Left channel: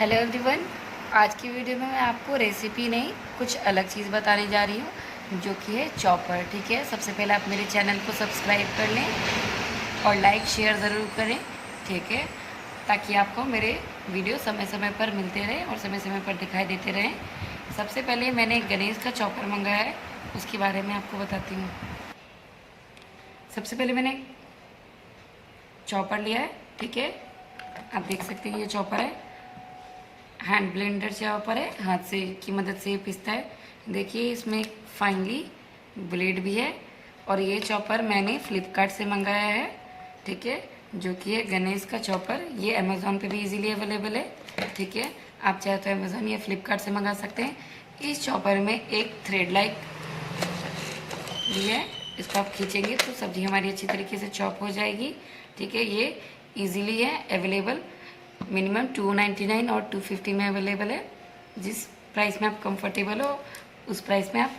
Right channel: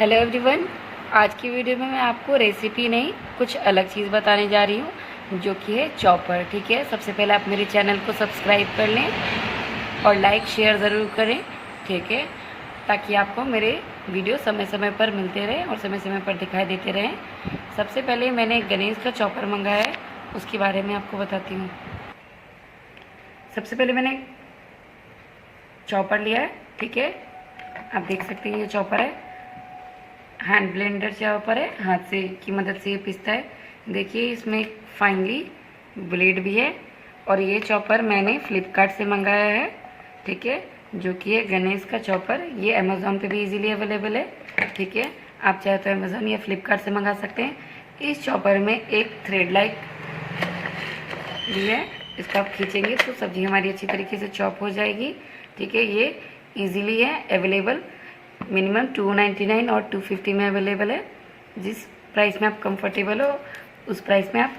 Hello everyone. आज की video में मैं आपको रेसिपी नहीं कुछ अलग चीज़ बताने जा रही हूँ जो कि है चॉपर। ठीक है, सबसे पहले आप मेरे चैनल को सब्सक्राइब कर लें और लाइक शेयर ज़रूर करें। ठीक है, ताकि आपको मेरे वीडियो समय समय पर मिलते रहें और समय समय पर दिखाई देते रहें। सबसे पहले मैंने गणेश का चॉपर मंगाया है, उसके बारे में आपको बताती हूँ। सबसे पहले मैंने चॉपर लिया है। ठीक है, आप देख सकते हैं ये चॉपर है, हैंड ब्लेंडर चॉपर है, हाथ से की मदद से ये पिसता है। देखिए इसमें फाइनली ब्लेड भी है। और ये चॉपर मैंने फ्लिपकार्ट से मंगाया है। ठीक है, जो कि है गणेश का चॉपर। ये अमेज़ॉन पे भी इजीली अवेलेबल है। ठीक है, आप चाहे तो अमेज़ॉन या फ्लिपकार्ट से मंगा सकते हैं। इस चॉपर में एक थ्रेड लाइट भी है, इसको आप खींचेंगे तो सब्जी हमारी अच्छी तरीके से चॉप हो जाएगी। ठीक है, ये इजीली है अवेलेबल, मिनिमम 299 और 250 में अवेलेबल है। जिस प्राइस में आप कंफर्टेबल हो उस प्राइस में आप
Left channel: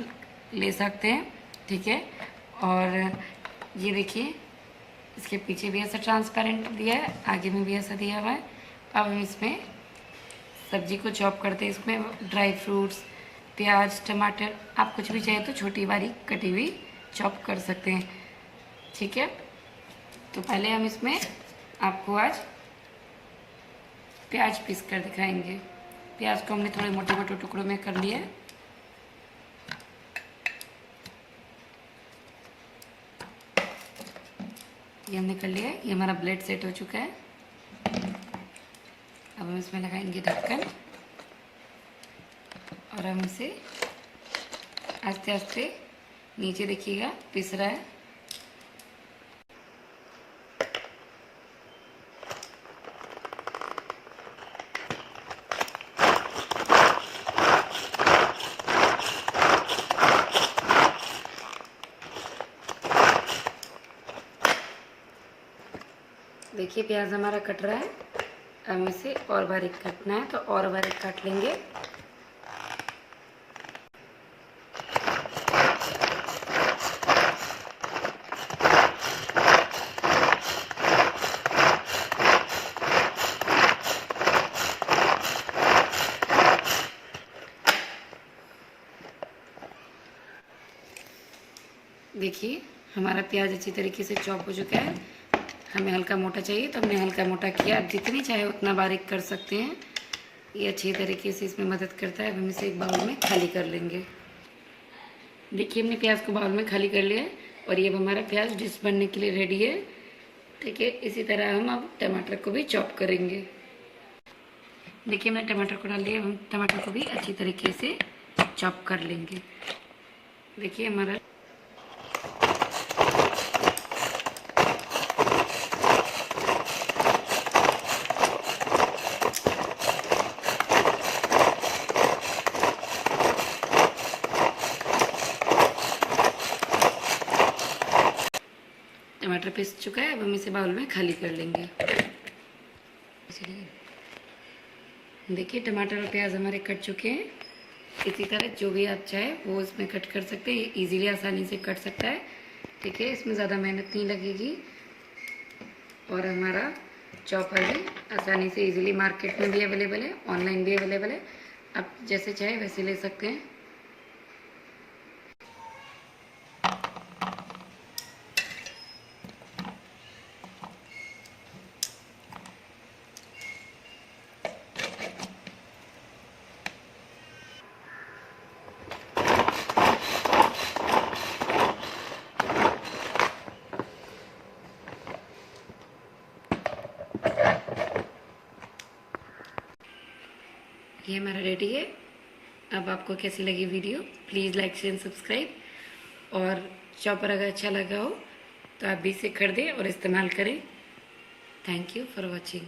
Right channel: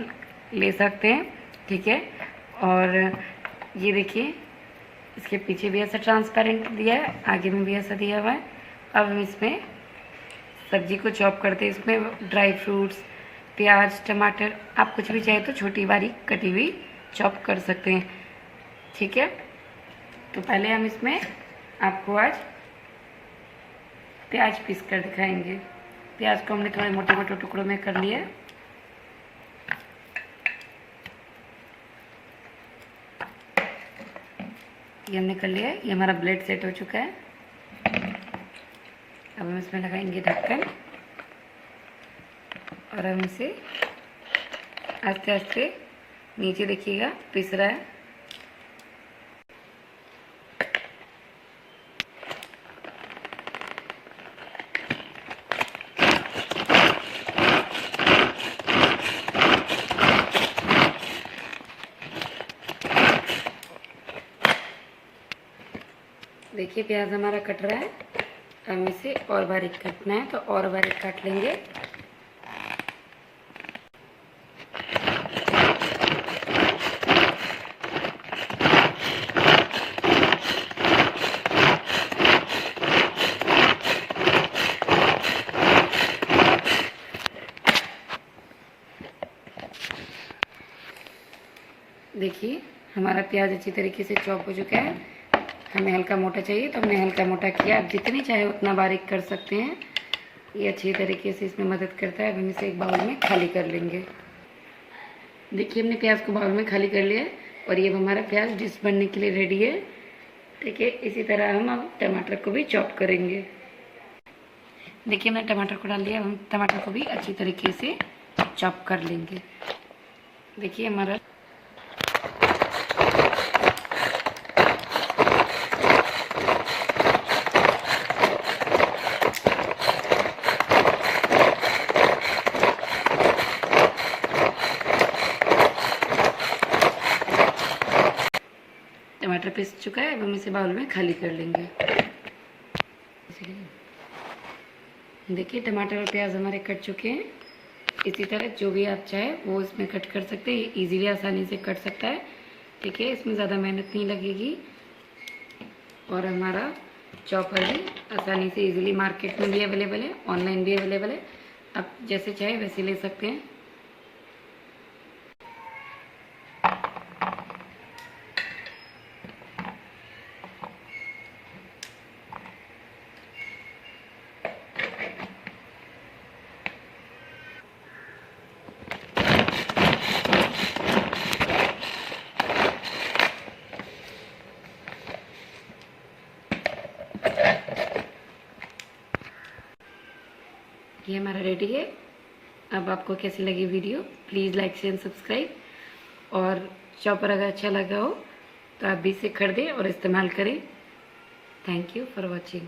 ले सकते हैं। ठीक है, और ये देखिए इसके पीछे भी ऐसा ट्रांसपेरेंट दिया है, आगे में भी ऐसा दिया हुआ है। अब हम इसमें सब्जी को चॉप करते हैं। इसमें ड्राई फ्रूट्स, प्याज, टमाटर, आप कुछ भी चाहे तो छोटी बारीक कटी हुई चॉप कर सकते हैं। ठीक है, तो पहले हम इसमें आपको आज प्याज पीस कर दिखाएंगे। प्याज को हमने थोड़े मोटे मोटे टुकड़ों में कर लिया है। ये हमने कर लिया है, ये हमारा ब्लेड सेट हो चुका है। अब हम इसमें लगाएंगे ढक्कन और हम इसे आस्ते आस्ते नीचे देखिएगा पिस रहा है। देखिए प्याज हमारा कट रहा है। हम इसे और बारीक काटना है तो और बारीक काट लेंगे। देखिए हमारा प्याज अच्छी तरीके से चॉप हो चुका है। हमें हल्का मोटा चाहिए तो हमने हल्का मोटा किया। आप जितनी चाहे उतना बारीक कर सकते हैं, ये अच्छी तरीके से इसमें मदद करता है। अब हम इसे एक बाउल में खाली कर लेंगे। देखिए हमने प्याज को बाउल में खाली कर लिया है और ये हमारा प्याज डिश बनने के लिए रेडी है। ठीक है, इसी तरह हम अब टमाटर को भी चॉप करेंगे। देखिए हमने टमाटर को डाल दिया, हम टमाटर को भी अच्छी तरीके से चॉप कर लेंगे। देखिए हमारा टमाटर पिस चुका है। अब हम इसे बाउल में खाली कर लेंगे। देखिए टमाटर और प्याज हमारे कट चुके हैं। इसी तरह जो भी आप चाहे वो इसमें कट कर सकते हैं, ये इजीली आसानी से कट सकता है। ठीक है, इसमें ज़्यादा मेहनत नहीं लगेगी और हमारा चॉपर भी आसानी से इजीली मार्केट में भी अवेलेबल है, ऑनलाइन भी अवेलेबल है। आप जैसे चाहे वैसे ले सकते हैं। ये हमारा रेडी है। अब आपको कैसी लगी video, please like share subscribe. और चॉपर अगर अच्छा लगा हो तो आप भी इसे खरीदें और इस्तेमाल करें। Thank you for watching.